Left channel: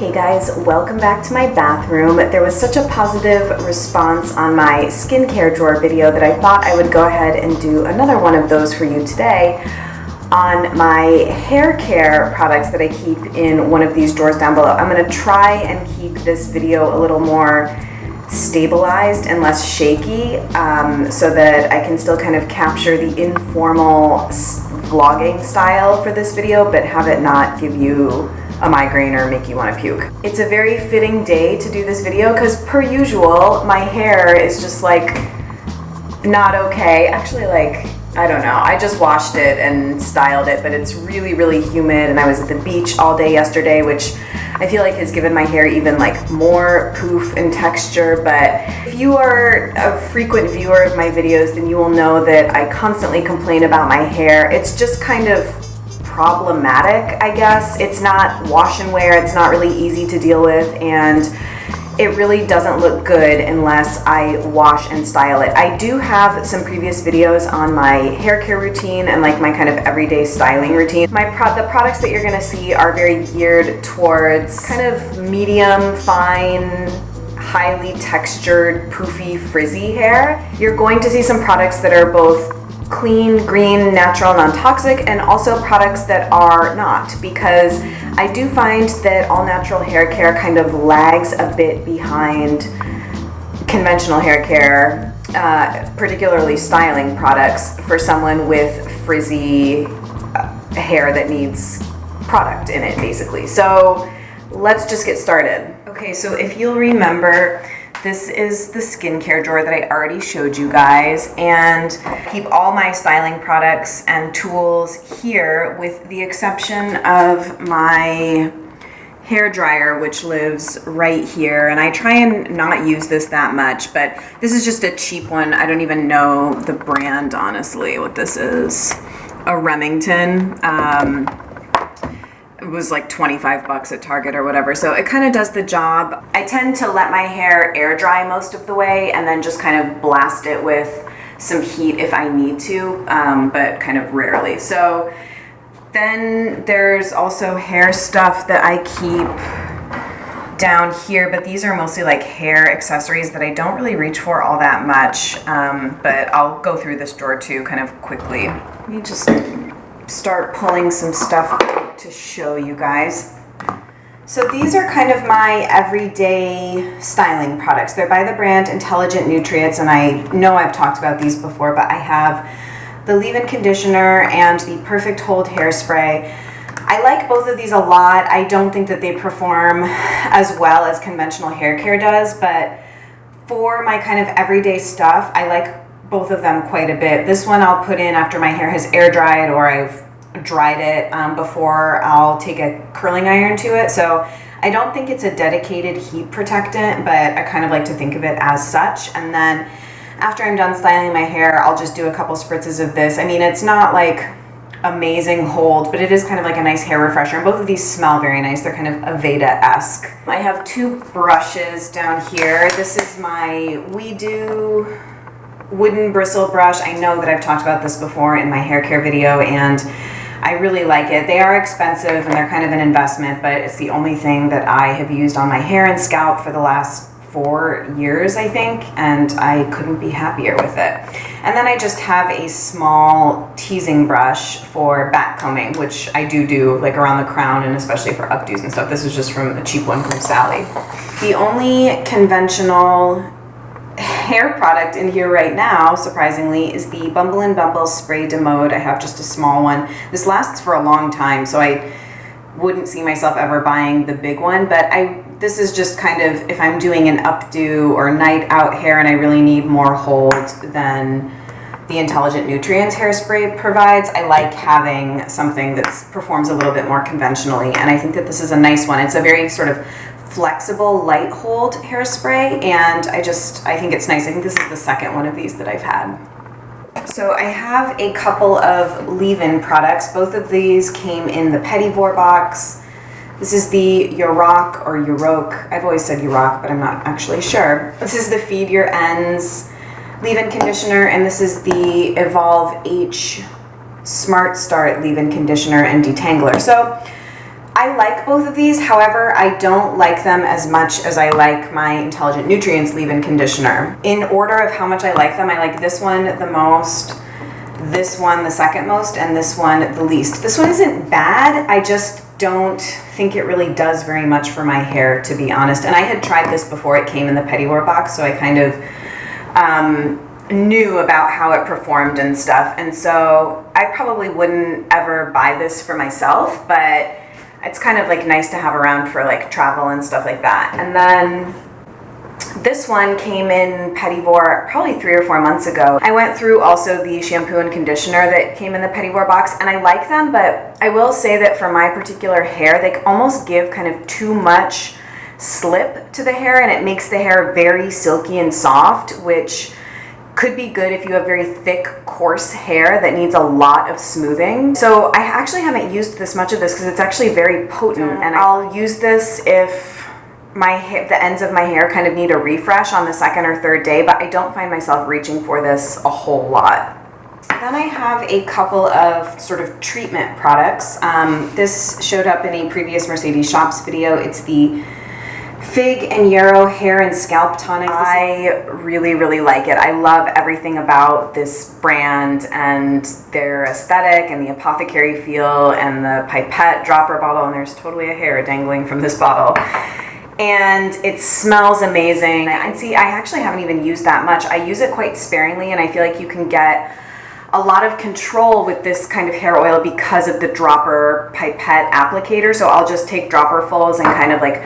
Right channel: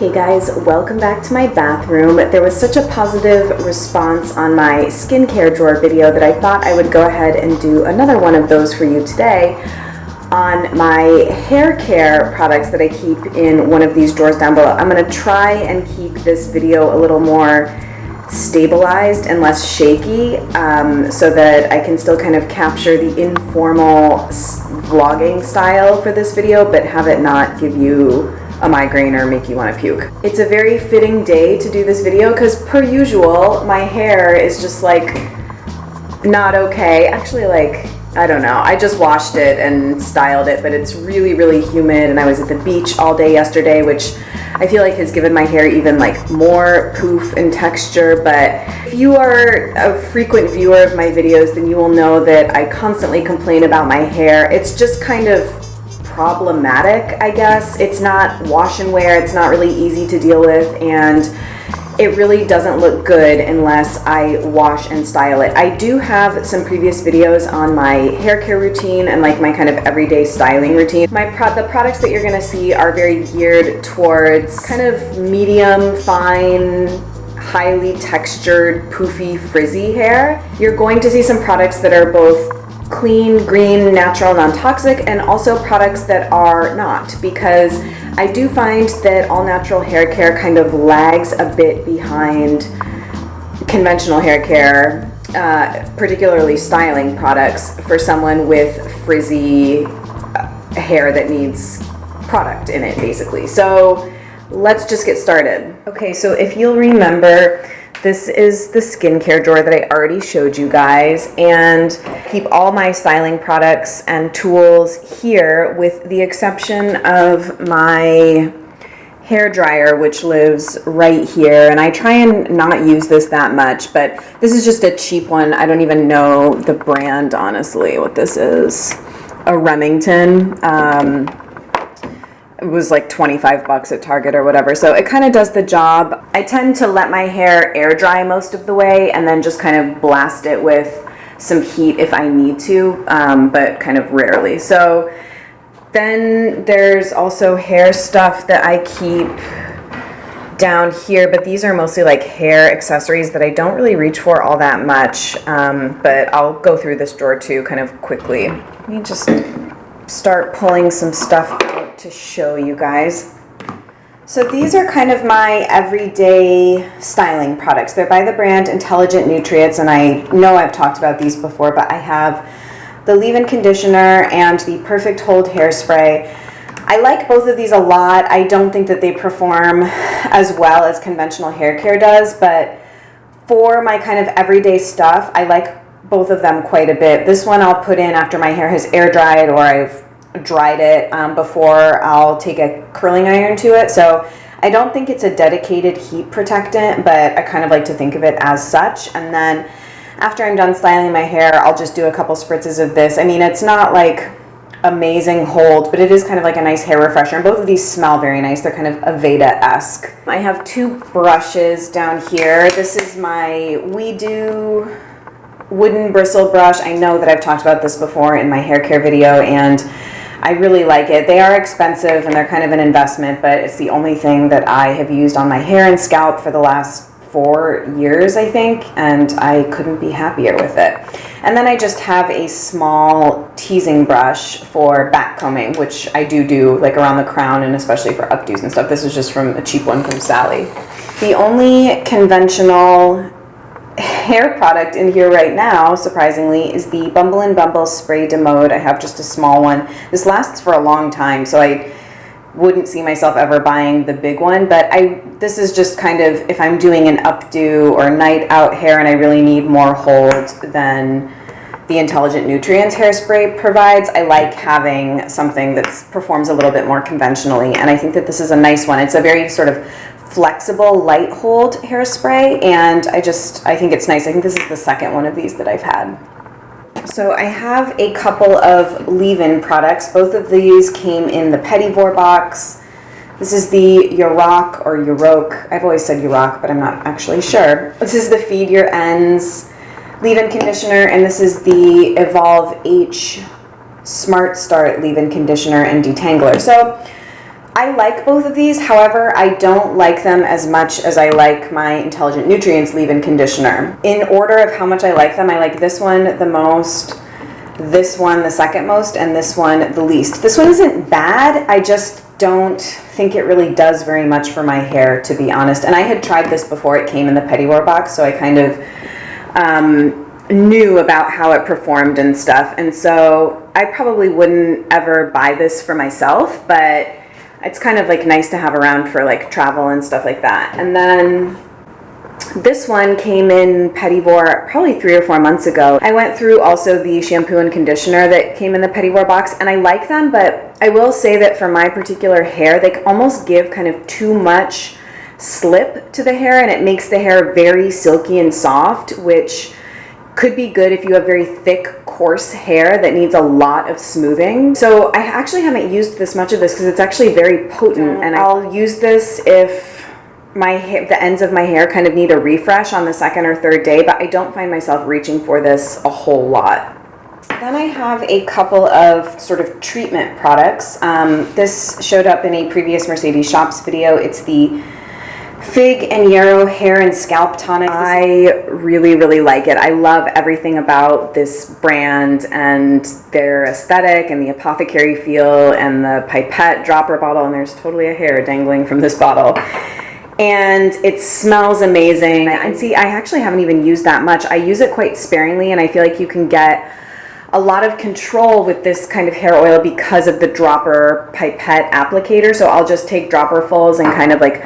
Hey guys, welcome back to my bathroom. There was such a positive response on my skincare drawer video that I thought I would go ahead and do another one of those for you today on my hair care products that I keep in one of these drawers down below. I'm going to try and keep this video a little more stabilized and less shaky so that I can still kind of capture the informal vlogging style for this video, but have it not give you a migraine or make you want to puke. It's a very fitting day to do this video because per usual, my hair is just like not okay. Actually, like, I don't know. I just washed it and styled it, but it's really, really humid and I was at the beach all day yesterday, which I feel like has given my hair even like more poof and texture. But if you are a frequent viewer of my videos, then you will know that I constantly complain about my hair. It's just kind of problematic, I guess. It's not wash and wear, it's not really easy to deal with, and it really doesn't look good unless I wash and style it. I do have some previous videos on my hair care routine and like my kind of everyday styling routine. The products that you're gonna see are very geared towards kind of medium, fine, highly textured, poofy, frizzy hair. You're going to see some products that are both clean, green, natural, non-toxic, and also products that are not, because I do find that all natural hair care kind of lags a bit behind conventional hair care, particularly styling products for someone with frizzy hair that needs product in it, basically. So let's just get started. Okay, so if you'll remember, this is the skincare drawer that I already showed you guys, and I keep all my styling products and tools here with the exception of my hair dryer, which lives right here. And I try and not use this that much, but this is just a cheap one. I don't even know the brand, honestly, what this is. A Remington. It was like 25 bucks at Target or whatever. So it kind of does the job. I tend to let my hair air dry most of the way and then just kind of blast it with some heat if I need to, but kind of rarely. So then there's also hair stuff that I keep down here, but these are mostly like hair accessories that I don't really reach for all that much, but I'll go through this drawer too kind of quickly. Let me just start pulling some stuff to show you guys. So these are kind of my everyday styling products. They're by the brand Intelligent Nutrients, and I know I've talked about these before, but I have the leave-in conditioner and the Perfect Hold hairspray. I like both of these a lot. I don't think that they perform as well as conventional hair care does, but for my kind of everyday stuff, I like both of them quite a bit. This one I'll put in after my hair has air dried or I've dried it before I'll take a curling iron to it. So I don't think it's a dedicated heat protectant, but I kind of like to think of it as such. And then after I'm done styling my hair, I'll just do a couple spritzes of this. I mean, it's not like amazing hold, but it is kind of like a nice hair refresher. And both of these smell very nice. They're kind of Aveda-esque. I have two brushes down here. This is my Widu wooden bristle brush. I know that I've talked about this before in my hair care video, and I really like it. They are expensive and they're kind of an investment, but it's the only thing that I have used on my hair and scalp for the last 4 years, I think, and I couldn't be happier with it. And then I just have a small teasing brush for back combing, which I do like around the crown and especially for updos and stuff. This is just from a cheap one from Sally. The only conventional hair product in here right now, surprisingly, is the Bumble Spray de Mode. I have just a small one. This lasts for a long time, so I wouldn't see myself ever buying the big one, but this is just kind of if I'm doing an updo or night out hair and I really need more hold than the Intelligent Nutrients hairspray provides. I like having something that performs a little bit more conventionally, and I think that this is a nice one. It's a very sort of flexible light hold hairspray, and I think it's nice. I think this is the second one of these that I've had. So I have a couple of leave-in products. Both of these came in the Pettivore box. This is the Yaork or Yaork. I've always said Yaork, but I'm not actually sure. This is the Feed Your Ends leave-in conditioner, and this is the EvolvH SmartStart leave-in conditioner and detangler. So I like both of these. However, I don't like them as much as I like my Intelligent Nutrients leave-in conditioner. In order of how much I like them, I like this one the most, this one the second most, and this one the least. This one isn't bad. I just don't think it really does very much for my hair, to be honest. And I had tried this before it came in the Petit box, so I kind of knew about how it performed and stuff. And so I probably wouldn't ever buy this for myself, but it's kind of like nice to have around for like travel and stuff like that. And then this one came in Petit probably 3 or 4 months ago. I went through also the shampoo and conditioner that came in the Petit box, and I like them, but I will say that for my particular hair, they almost give kind of too much slip to the hair, and it makes the hair very silky and soft, which could be good if you have very thick, coarse hair that needs a lot of smoothing. So I actually haven't used this much of this because it's actually very potent, and I'll use this if the ends of my hair kind of need a refresh on the second or third day, but I don't find myself reaching for this a whole lot. Then I have a couple of sort of treatment products. This showed up in a previous Mercedes Shops video. It's the Fig and Yarrow Hair and Scalp Tonic. I really, really like it. I love everything about this brand and their aesthetic and the apothecary feel and the pipette dropper bottle, and there's totally a hair dangling from this bottle. And it smells amazing. And see, I actually haven't even used that much. I use it quite sparingly, and I feel like you can get a lot of control with this kind of hair oil because of the dropper pipette applicator. So I'll just take dropperfuls and kind of like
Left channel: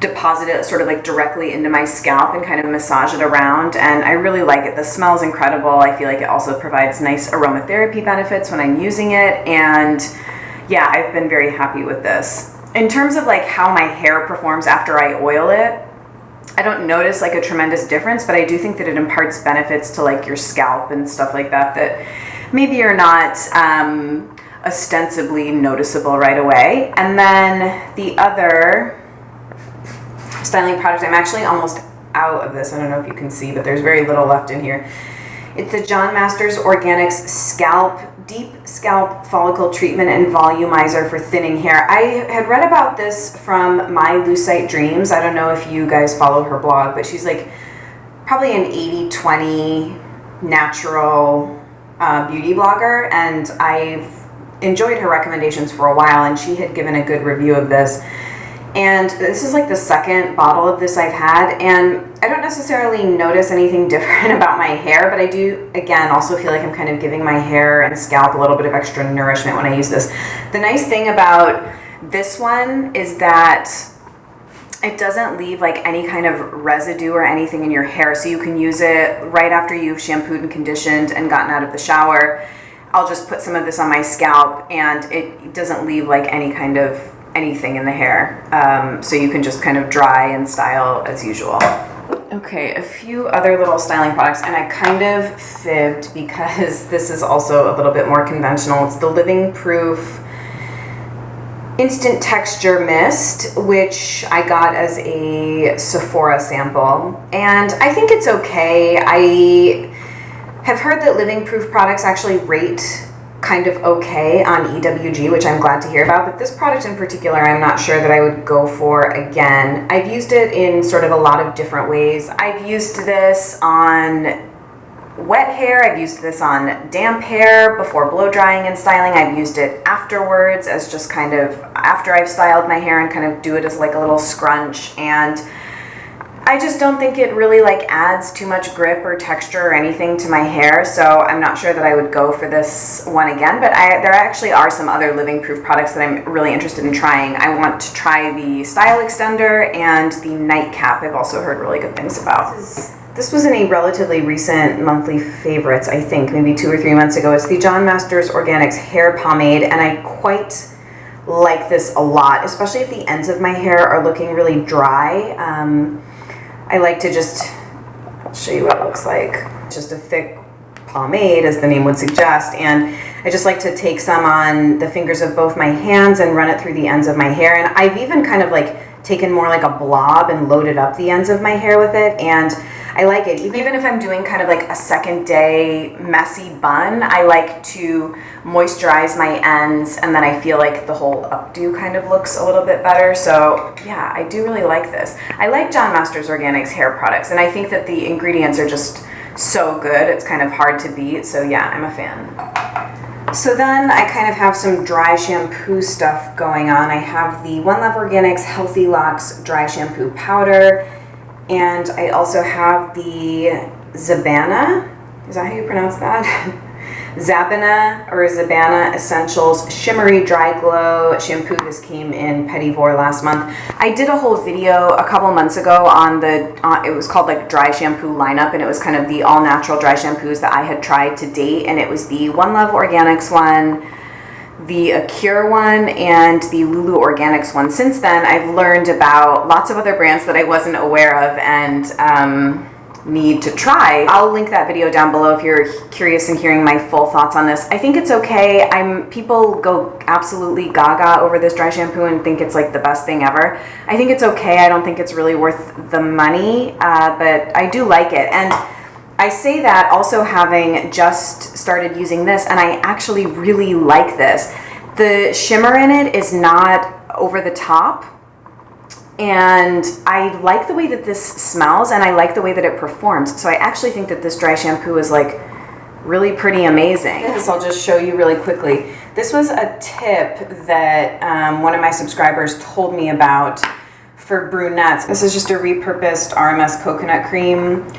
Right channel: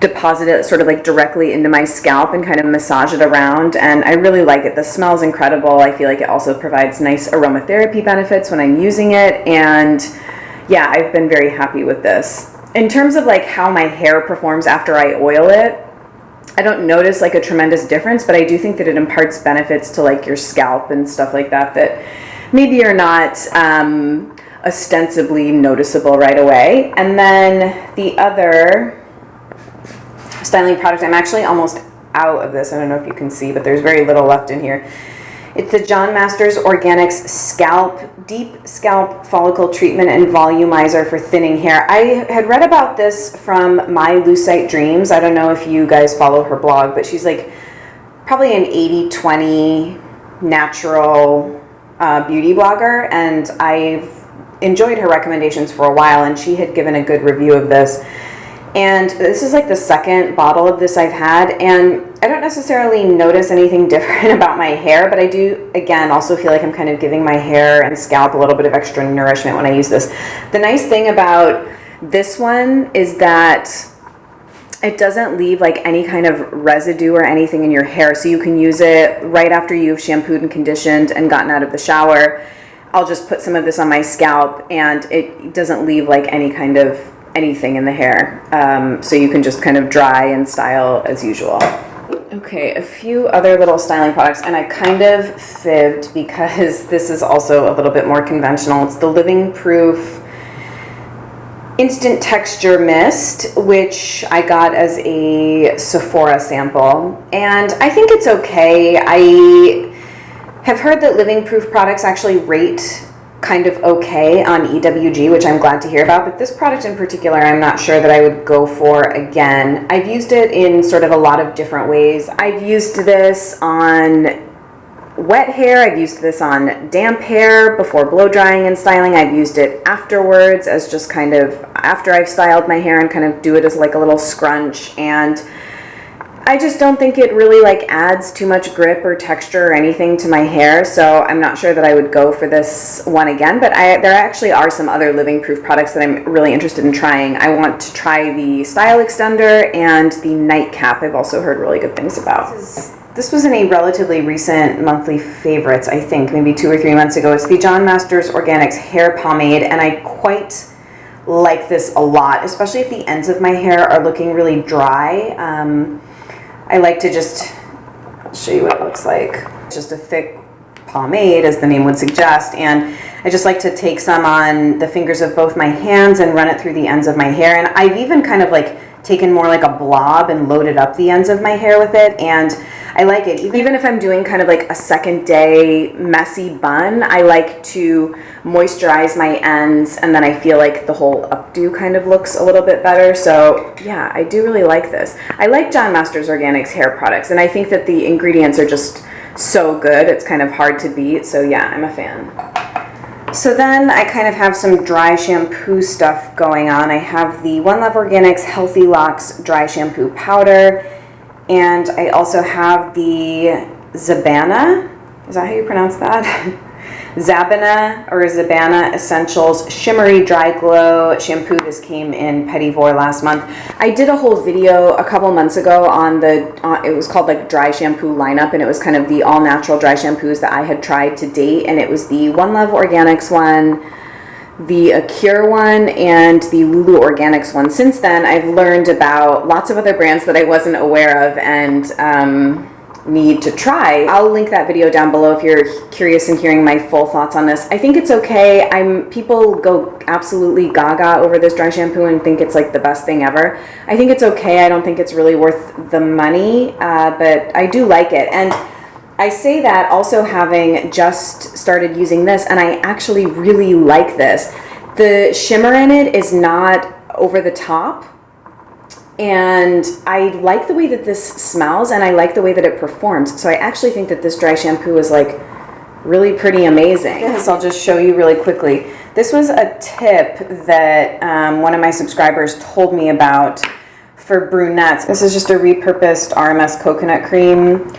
deposit it sort of like directly into my scalp and kind of massage it around, and I really like it. The smell is incredible. I feel like it also provides nice aromatherapy benefits when I'm using it, and yeah, I've been very happy with this. In terms of like how my hair performs after I oil it, I don't notice like a tremendous difference, but I do think that it imparts benefits to like your scalp and stuff like that that maybe are not ostensibly noticeable right away. And then the other styling product, I'm actually almost out of this. I don't know if you can see, but there's very little left in here. It's the John Masters Organics Deep Scalp Follicle Treatment and Volumizer for Thinning Hair. I had read about this from My Lucite Dreams. I don't know if you guys follow her blog, but she's like probably an 80-20 natural beauty blogger, and I've enjoyed her recommendations for a while, and she had given a good review of this. And this is like the second bottle of this I've had, and I don't necessarily notice anything different about my hair, but I do, again, also feel like I'm kind of giving my hair and scalp a little bit of extra nourishment when I use this. The nice thing about this one is that it doesn't leave like any kind of residue or anything in your hair, so you can use it right after you've shampooed and conditioned and gotten out of the shower. I'll just put some of this on my scalp, and it doesn't leave like any kind of anything in the hair, so you can just kind of dry and style as usual. Okay, a few other little styling products, and I kind of fibbed because this is also a little bit more conventional. It's the Living Proof Instant Texture Mist, which I got as a Sephora sample, and I think it's okay. I have heard that Living Proof products actually rate kind of okay on EWG, which I'm glad to hear about, but this product in particular I'm not sure that I would go for again. I've used it in sort of a lot of different ways. I've used this on wet hair, I've used this on damp hair before blow drying and styling, I've used it afterwards as just kind of after I've styled my hair and kind of do it as like a little scrunch, and I just don't think it really like adds too much grip or texture or anything to my hair, so I'm not sure that I would go for this one again, but there actually are some other Living Proof products that I'm really interested in trying. I want to try the Style Extender and the Nightcap. I've also heard really good things about. This was in a relatively recent monthly favorites, I think, maybe 2 or 3 months ago. It's the John Masters Organics Hair Pomade, and I quite like this a lot, especially if the ends of my hair are looking really dry. I like to just, I'll show you what it looks like. Just a thick pomade, as the name would suggest, and I just like to take some on the fingers of both my hands and run it through the ends of my hair, and I've even kind of like taken more like a blob and loaded up the ends of my hair with it, and I like it. Even if I'm doing kind of like a second day messy bun, I like to moisturize my ends, and then I feel like the whole updo kind of looks a little bit better. So yeah, I do really like this. I like John Masters Organics hair products, and I think that the ingredients are just so good. It's kind of hard to beat. So yeah, I'm a fan. So then I kind of have some dry shampoo stuff going on. I have the One Love Organics Healthy Locks Dry Shampoo Powder, and I also have the Zabana, is that how you pronounce that? Zabana or Zabana Essentials Shimmery Dry Glow Shampoo. This came in Petit Vour last month. I did a whole video a couple months ago on the, it was called like Dry Shampoo Lineup, and it was kind of the all natural dry shampoos that I had tried to date, and it was the One Love Organics one, the Acure one, and the Lulu Organics one. Since then, I've learned about lots of other brands that I wasn't aware of and need to try. I'll link that video down below if you're curious in hearing my full thoughts on this. I think it's okay. People go absolutely gaga over this dry shampoo and think it's like the best thing ever. I think it's okay. I don't think it's really worth the money, but I do like it. And I say that also having just started using this, and I actually really like this. The shimmer in it is not over the top, and I like the way that this smells, and I like the way that it performs. So I actually think that this dry shampoo is like really pretty amazing. This I'll just show you really quickly. This was a tip that one of my subscribers told me about for brunettes. This is just a repurposed RMS coconut cream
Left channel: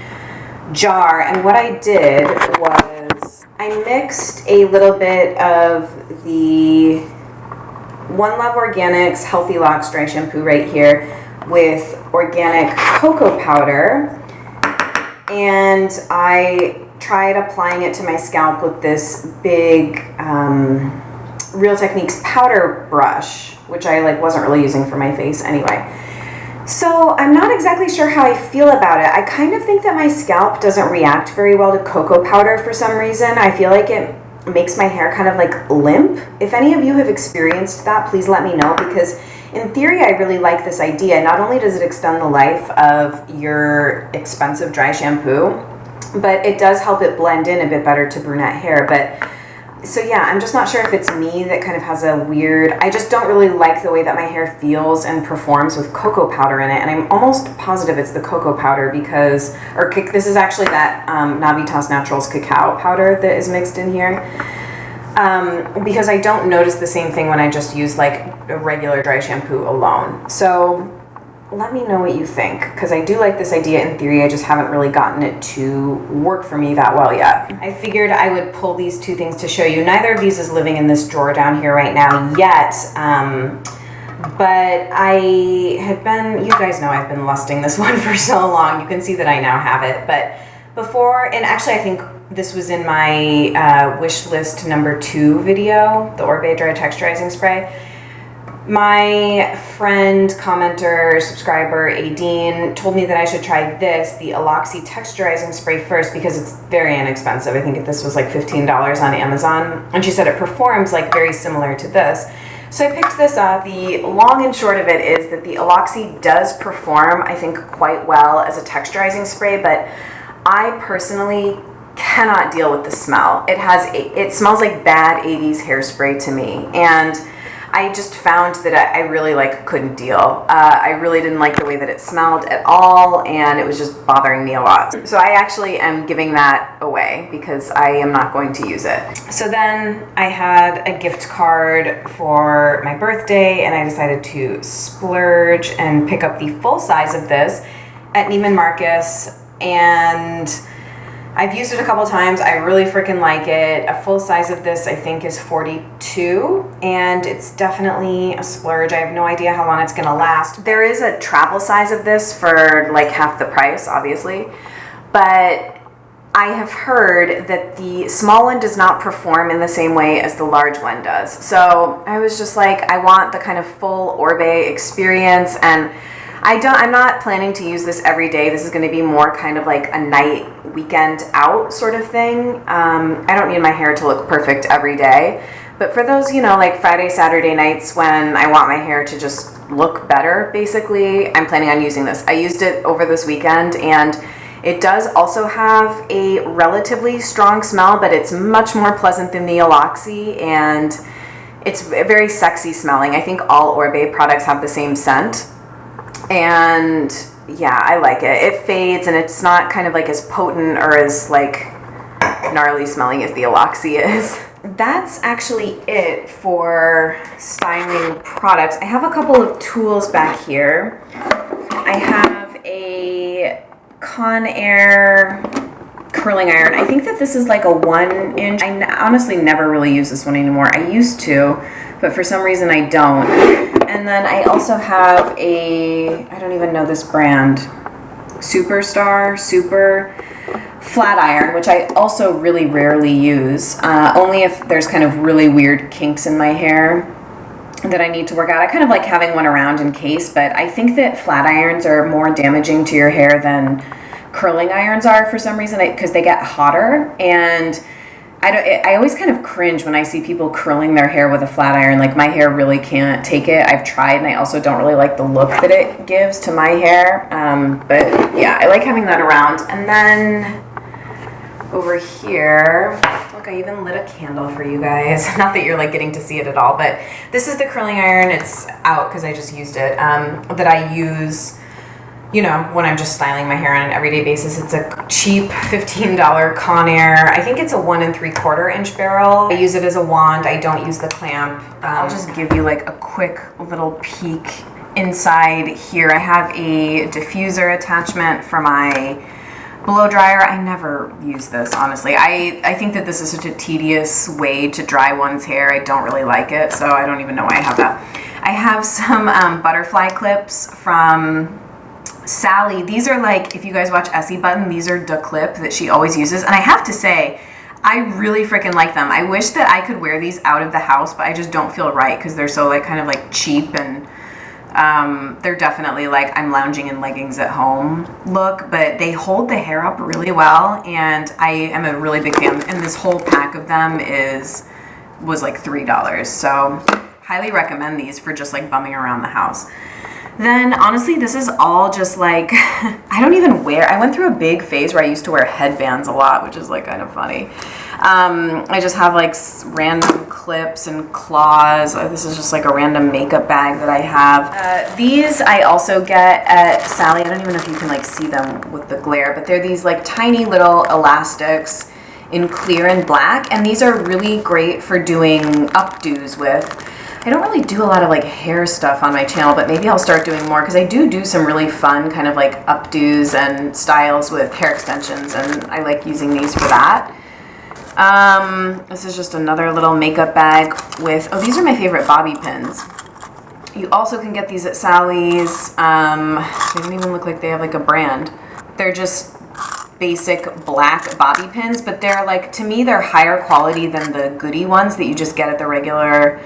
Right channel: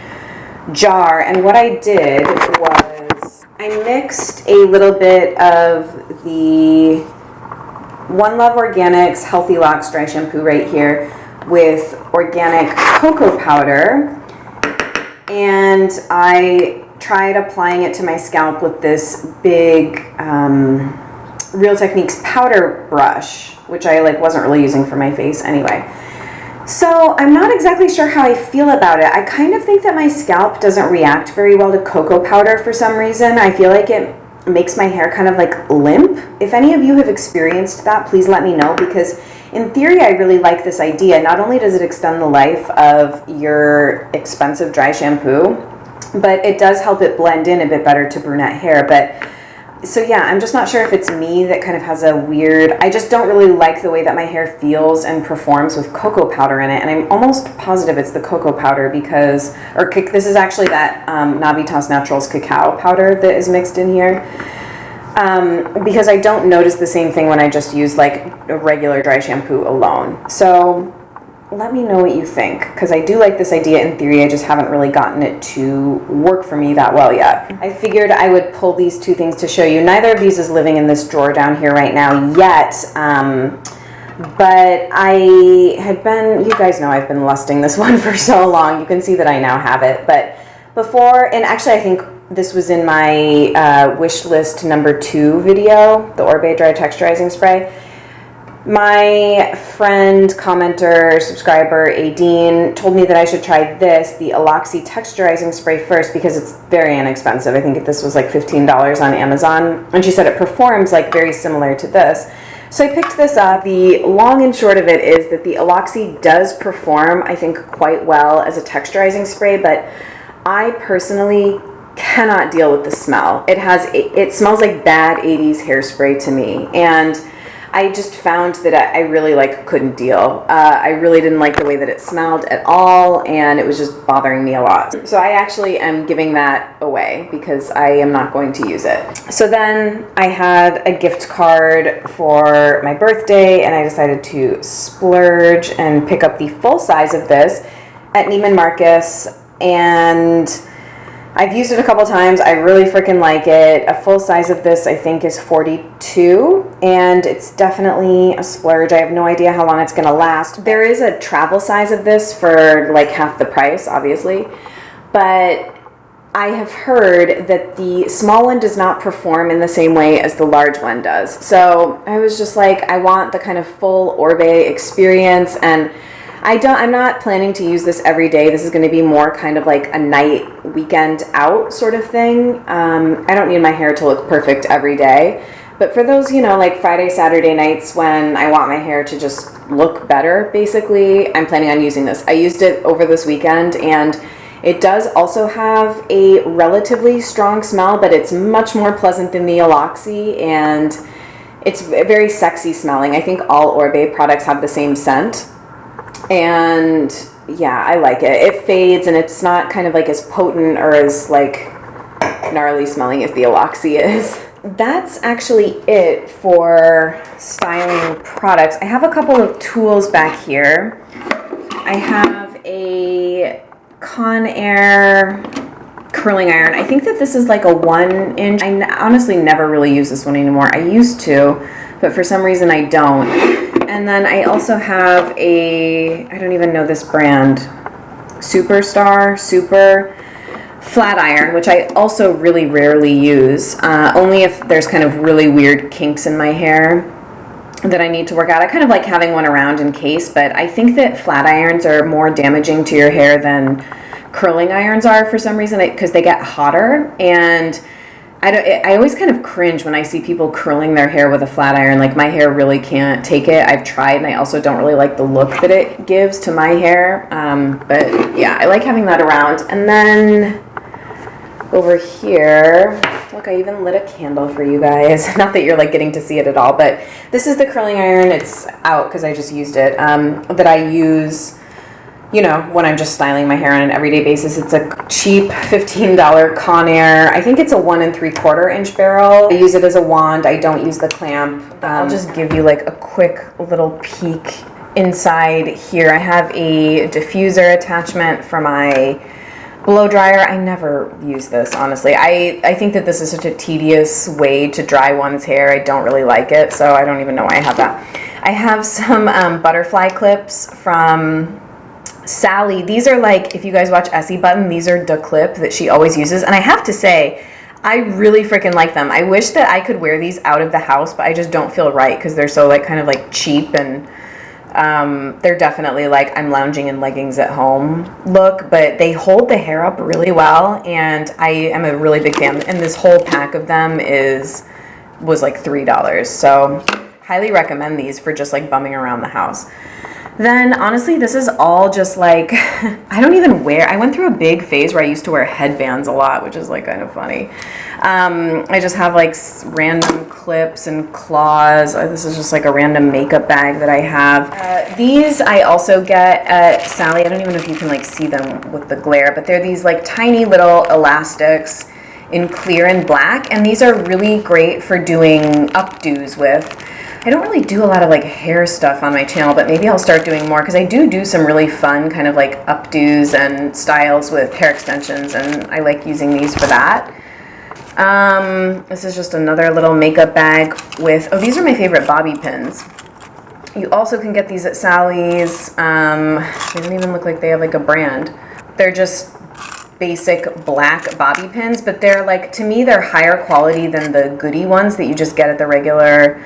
jar, and what I did was I mixed a little bit of the One Love Organics Healthy Locks Dry Shampoo right here with organic cocoa powder, and I tried applying it to my scalp with this big Real Techniques powder brush, which I wasn't really using for my face anyway. So I'm not exactly sure how I feel about it. I kind of think that my scalp doesn't react very well to cocoa powder for some reason. I feel like it makes my hair kind of like limp. If any of you have experienced that, please let me know, because in theory I really like this idea. Not only does it extend the life of your expensive dry shampoo, but it does help it blend in a bit better to brunette hair. But so yeah, I'm just not sure if it's me that kind of has a weird, I just don't really like the way that my hair feels and performs with cocoa powder in it. And I'm almost positive it's the cocoa powder because, or this is actually that Navitas Naturals cacao powder that is mixed in here. Because I don't notice the same thing when I just use like a regular dry shampoo alone. So let me know what you think, because I do like this idea in theory. I just haven't really gotten it to work for me that well yet. I figured I would pull these two things to show you. Neither of these is living in this drawer down here right now yet, but I had been, you guys know I've been lusting this one for so long. You can see that I now have it. But before, and actually I think this was in my wish list number 2 video, the Orbe Dry Texturizing Spray. My friend, commenter, subscriber, Aideen, told me that I should try this, the Aloxi Texturizing Spray first, because it's very inexpensive. I think this was like $15 on Amazon. And she said it performs like very similar to this. So I picked this up. The long and short of it is that the Aloxi does perform, I think, quite well as a texturizing spray, but I personally cannot deal with the smell. It smells like bad 80s hairspray to me. And I just found that I really couldn't deal. I really didn't like the way that it smelled at all, and it was just bothering me a lot. So I actually am giving that away because I am not going to use it. So then I had a gift card for my birthday, and I decided to splurge and pick up the full size of this at Neiman Marcus, and I've used it a couple times. I really freaking like it. A full size of this, I think, is $42, and it's definitely a splurge. I have no idea how long it's going to last. There is a travel size of this for like half the price, obviously, but I have heard that the small one does not perform in the same way as the large one does. So I was just like, I want the kind of full Orbe experience, and I'm not planning to use this every day. This is going to be more kind of like a night weekend out sort of thing. I don't need my hair to look perfect every day, but for those, like Friday, Saturday nights when I want my hair to just look better, basically, I'm planning on using this. I used it over this weekend, and It does also have a relatively strong smell, but it's much more pleasant than the Aloxi, and it's very sexy smelling. I think all Orbe products have the same scent. And yeah, I like it. It fades, and it's not kind of like as potent or as like gnarly smelling as the Aloxi is. That's actually it for styling products. I have a couple of tools back here. I have a Conair curling iron. I think that this is like a 1-inch. I honestly never really use this one anymore. I used to, but for some reason I don't. And then I also have I don't even know this brand, Super flat iron, which I also really rarely use, only if there's kind of really weird kinks in my hair that I need to work out. I kind of like having one around in case, but I think that flat irons are more damaging to your hair than curling irons are for some reason, because they get hotter, and I always kind of cringe when I see people curling their hair with a flat iron. Like, my hair really can't take it. I've tried, and I also don't really like the look that it gives to my hair. But yeah, I like having that around. And then over here, look, I even lit a candle for you guys. Not that you're like getting to see it at all, but this is the curling iron. It's out because I just used it, that I use, you know, when I'm just styling my hair on an everyday basis. It's a cheap $15 Conair. I think it's a 1 3/4 inch barrel. I use it as a wand. I don't use the clamp. I'll just give you like a quick little peek inside here. I have a diffuser attachment for my blow dryer. I never use this, honestly. I think that this is such a tedious way to dry one's hair. I don't really like it, so I don't even know why I have that. I have some butterfly clips from Sally. These are like, if you guys watch Essie Button, these are the clip that she always uses. And I have to say, I really freaking like them. I wish that I could wear these out of the house, but I just don't feel right because they're so like kind of like cheap, and they're definitely like I'm lounging in leggings at home look, but they hold the hair up really well, and I am a really big fan. And this whole pack of them was like $3. So highly recommend these for just like bumming around the house. Then honestly, this is all just like, I don't even wear, I went through a big phase where I used to wear headbands a lot, which is like kind of funny. I just have like random clips and claws. This is just like a random makeup bag that I have. These I also get at Sally. I don't even know if you can like see them with the glare, but they're these like tiny little elastics in clear and black. And these are really great for doing updos with. I don't really do a lot of like hair stuff on my channel, but maybe I'll start doing more because I do some really fun kind of like updos and styles with hair extensions, and I like using these for that. This is just another little makeup bag with, oh, these are my favorite bobby pins. You also can get these at Sally's. They don't even look like they have like a brand. They're just basic black bobby pins, but they're like, to me, they're higher quality than the goodie ones that you just get at the regular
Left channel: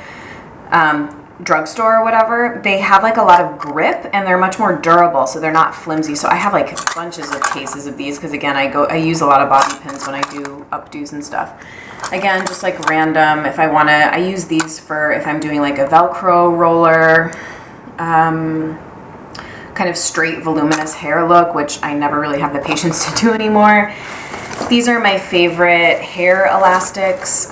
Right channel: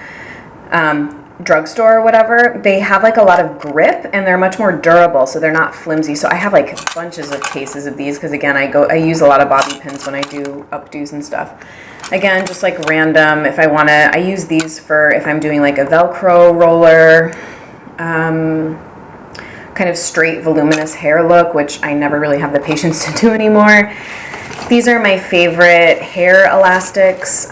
drugstore or whatever. They have like a lot of grip, and they're much more durable, so they're not flimsy. So I have like bunches of cases of these because again, I use a lot of bobby pins when I do updos and stuff. Again, just like random, if I want to, I use these for if I'm doing like a Velcro roller, kind of straight voluminous hair look, which I never really have the patience to do anymore. These are my favorite hair elastics.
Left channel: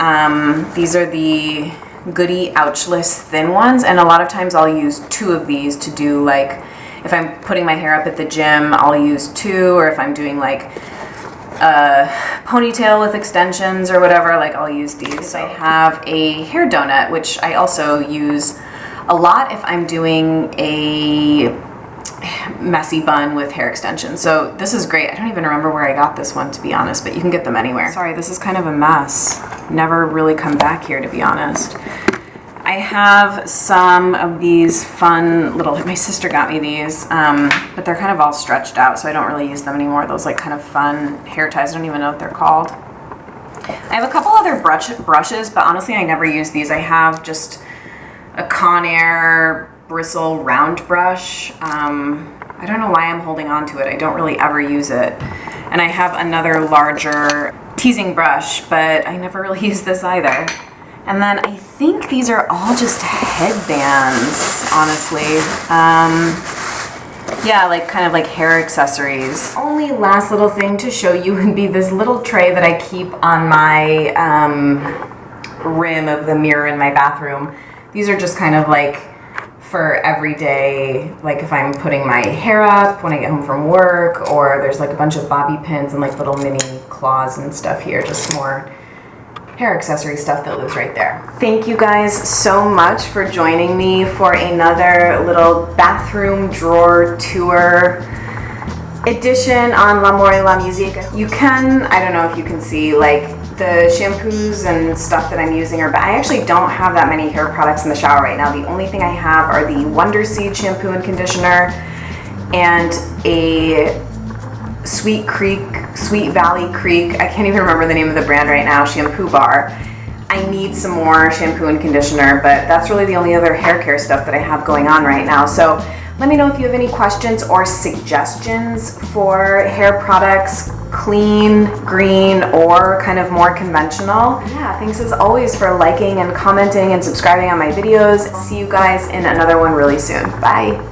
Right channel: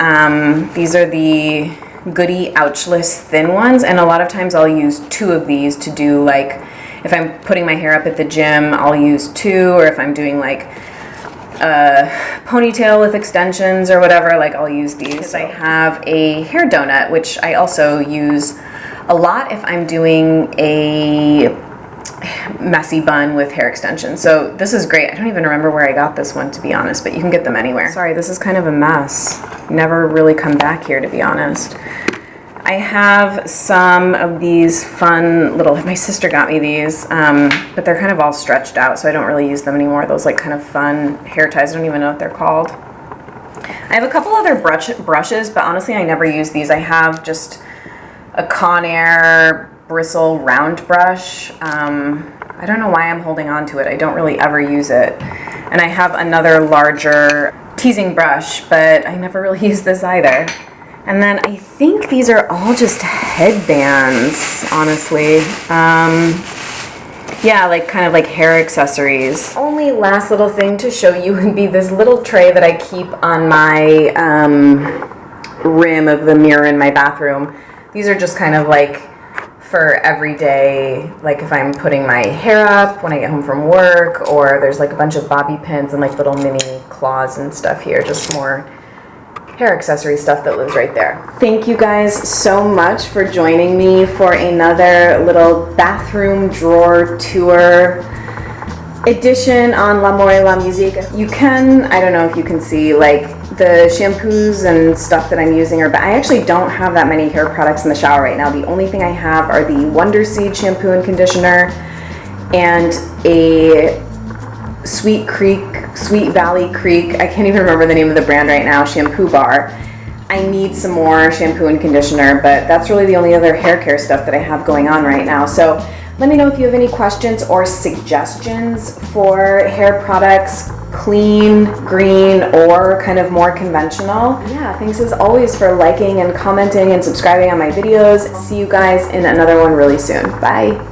These are the Goody Ouchless thin ones, and a lot of times I'll use 2 of these to do like, if I'm putting my hair up at the gym, I'll use 2, or if I'm doing like a ponytail with extensions or whatever, like I'll use these. I have a hair donut, which I also use a lot if I'm doing a messy bun with hair extensions. So this is great. I don't even remember where I got this one, to be honest, but you can get them anywhere. Sorry, this is kind of a mess. Never really come back here, to be honest. I have some of these fun little, my sister got me these, but they're kind of all stretched out, so I don't really use them anymore. Those like kind of fun hair ties. I don't even know what they're called. I have a couple other brushes, but honestly, I never use these. I have just a Conair Bristle round brush. I don't know why I'm holding on to it. I don't really ever use it. And I have another larger teasing brush, but I never really use this either. And then I think these are all just headbands, honestly. Yeah, like kind of like hair accessories. Only finally, last little thing to show you would be this little tray that I keep on my rim of the mirror in my bathroom. These are just kind of like for every day, like if I'm putting my hair up when I get home from work, or there's like a bunch of bobby pins and like little mini claws and stuff here, just more hair accessory stuff that lives right there. Thank you guys so much for joining me for another little bathroom drawer tour edition on L'Amour et la Musique. You can, I don't know if you can see, like the shampoos and stuff that I'm using but I actually don't have that many hair products in the shower right now. The only thing I have are the Wonder Seed shampoo and conditioner and a Sweet Valley Creek, I can't even remember the name of the brand right now, shampoo bar. I need some more shampoo and conditioner, but that's really the only other hair care stuff that I have going on right now. So let me know if you have any questions or suggestions for hair products, clean, green, or kind of more conventional. Yeah, thanks as always for liking and commenting and subscribing on my videos. See you guys in another one really soon. Bye.